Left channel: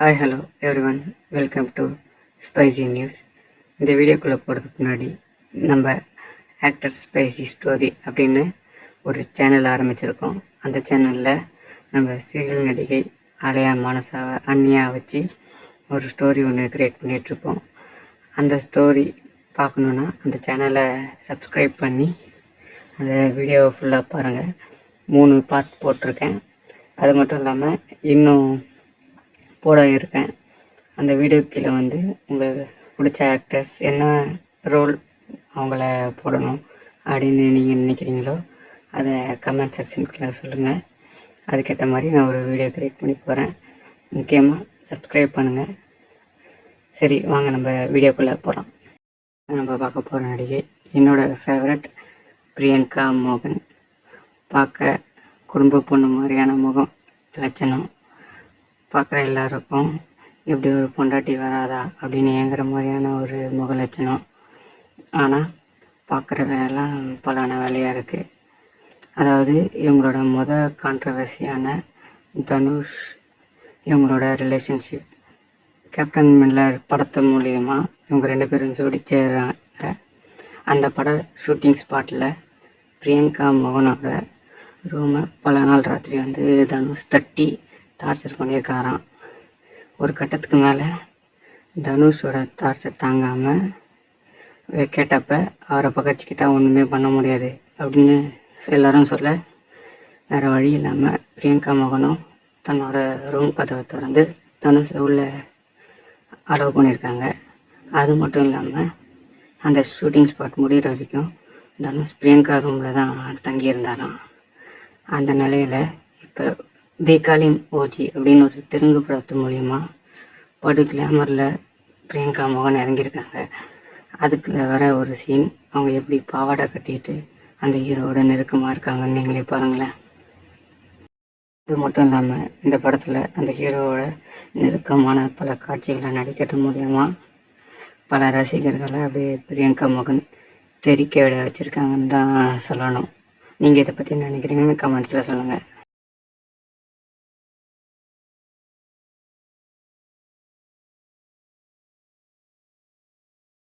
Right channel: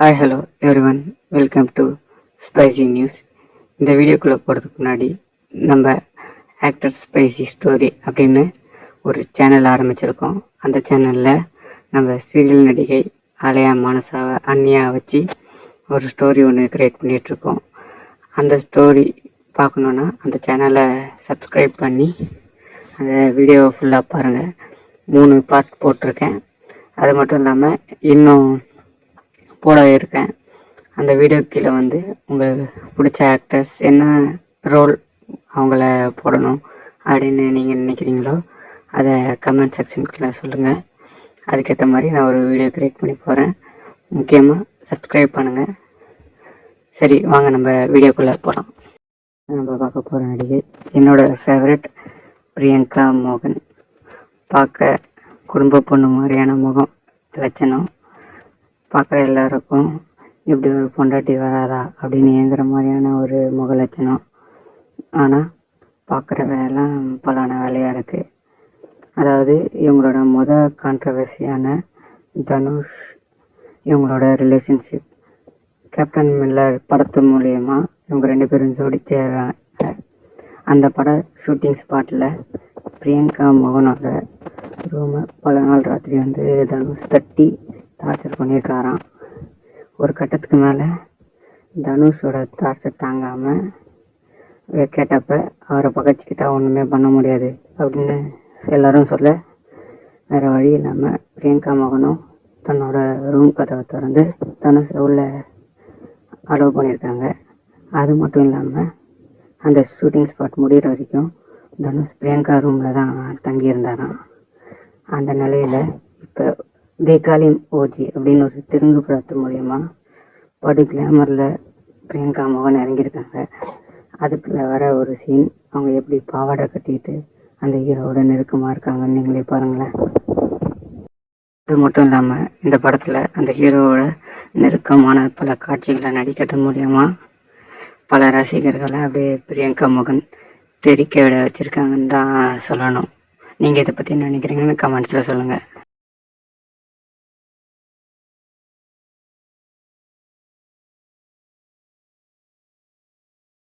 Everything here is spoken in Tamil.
Hi hello everyone, welcome to spicy news. இந்த வீடியோக்குள்ளே போகிறதுக்கு முன்னாடி நம்ம ஆக்டர் ஸ்பைசி ஸ்டோரி அப்படின்னு ஒரு சேனல் ஆரம்பிச்சிருக்கோம். அந்த சேனலில் நம்ம சீரியல் நடிகை ஆலயா மானசாவை அண்ணியாக வச்சு ஒரு ஸ்டோரி ஒன்று க்ரியேட் பண்ணிகிட்ருக்கோம். அந்த ஸ்டோரி பார்க்கணுன்னா அந்த சேனலை சப்ஸ்கிரைப் பண்ணி அந்த வீடியோவை ஃபுல்லாக பாருங்கள். 3 பார்ட் போட்டிருக்கேன். அது மட்டும் இல்லாமல் இன்னும் போட இருக்கேன். அந்த வீடியோ கீழே உங்களுக்கு பிடிச்ச ஆக்டர்ஸ் என்ன ரோல் அவங்கள போடணும் அப்படின்னு நீங்கள் நினைக்கிறீங்களோ அதை கமெண்ட் செக்ஷனுக்குள்ளே சொல்லுங்கள். அதுக்கேற்ற மாதிரி நான் ஒரு வீடியோ க்ரியேட் பண்ணி போகிறேன். முக்கியமாக சப்ஸ்கிரைப் பண்ணுங்கள். சரி, வாங்க நம்ம வீடியோக்குள்ளே போகலாம். நம்ம பார்க்க போகிற நடிகை என்னோடய ஃபேவரட் பிரியங்கா மோகன். பார்க்க குடும்ப பொண்ணு மாதிரியான முகம் லட்சணம். பார்க்குற எல்லாருக்கும் இப்படி ஒரு பொண்டாட்டி வராதா அப்படின்னு ஏங்குற மாதிரியான ஒரு முக லட்சணம். ஆனால் பார்க்குற வேலைலாம் பலான வேலையாக இருக்குது. அதாவது இவங்களோட கான்ட்ரவர்சியான தனுஷ் இவங்களோட ரிலேஷன்ஷிப் கேப்டன் மில்லர் படத்து மூலயமா இவங்க 2 பேரும் ஜோடிச்சாங்க. அந்த பட ஷூட்டிங் ஸ்பாட்டில் பிரியங்கா மோகனோட ரூமை பல நாள் ராத்திரி தனுஷ் தட்டி டார்ச்சர் பண்ணியிருக்காராம். ஒரு கட்டத்துக்கு மேலே தனுஷோட டார்ச்சர் தாங்காமல் கேட்டப்ப அவரை பகச்சிக்கிட்டா ஒன்றுமே பண்ண முடியாது அப்படின்னு எல்லோரும் சொல்ல வேறு வழி இல்லாமல் பிரியங்கா மோகனும் தன்னோட ரூம் கதவை திறந்து தனுஷை உள்ள அலோவ் பண்ணியிருக்காங்க. அது மட்டும் இல்லாமல் அந்த ஷூட்டிங் ஸ்பாட் முடிகிற வரைக்கும் தனுஷ் பிரியங்கா ரூமில் தான் தங்கியிருந்தாராம். அந்த நிலையில் இப்போ தேகாலிம் ஓஜி அப்படின்னு ஒரு தெலுங்கு படத்து மூலயமா படு கிளாமரில் பிரியங்கா மோகன் இறங்கியிருக்காங்க. அதுக்குள்ள வர ஒரு சீன் அவங்க எப்படி பாவாடை கட்டிட்டு அந்த ஹீரோவோட நெருக்கமாக இருக்காங்கன்னு நீங்களே பாருங்களேன். அது மட்டும் இல்லாமல் இந்த படத்தில் அந்த ஹீரோவோட நெருக்கமான பல காட்சிகளை நடிக்கிறது மூலயமா பல ரசிகர்களை அப்படியே பிரியங்கா மோகன் தெரிக்க விட வச்சுருக்காங்கன்னு தான் சொல்லணும். நீங்கள் இதை பற்றி என்ன நினைக்கிறீங்கன்னு கமெண்ட்ஸில் சொல்லுங்கள்.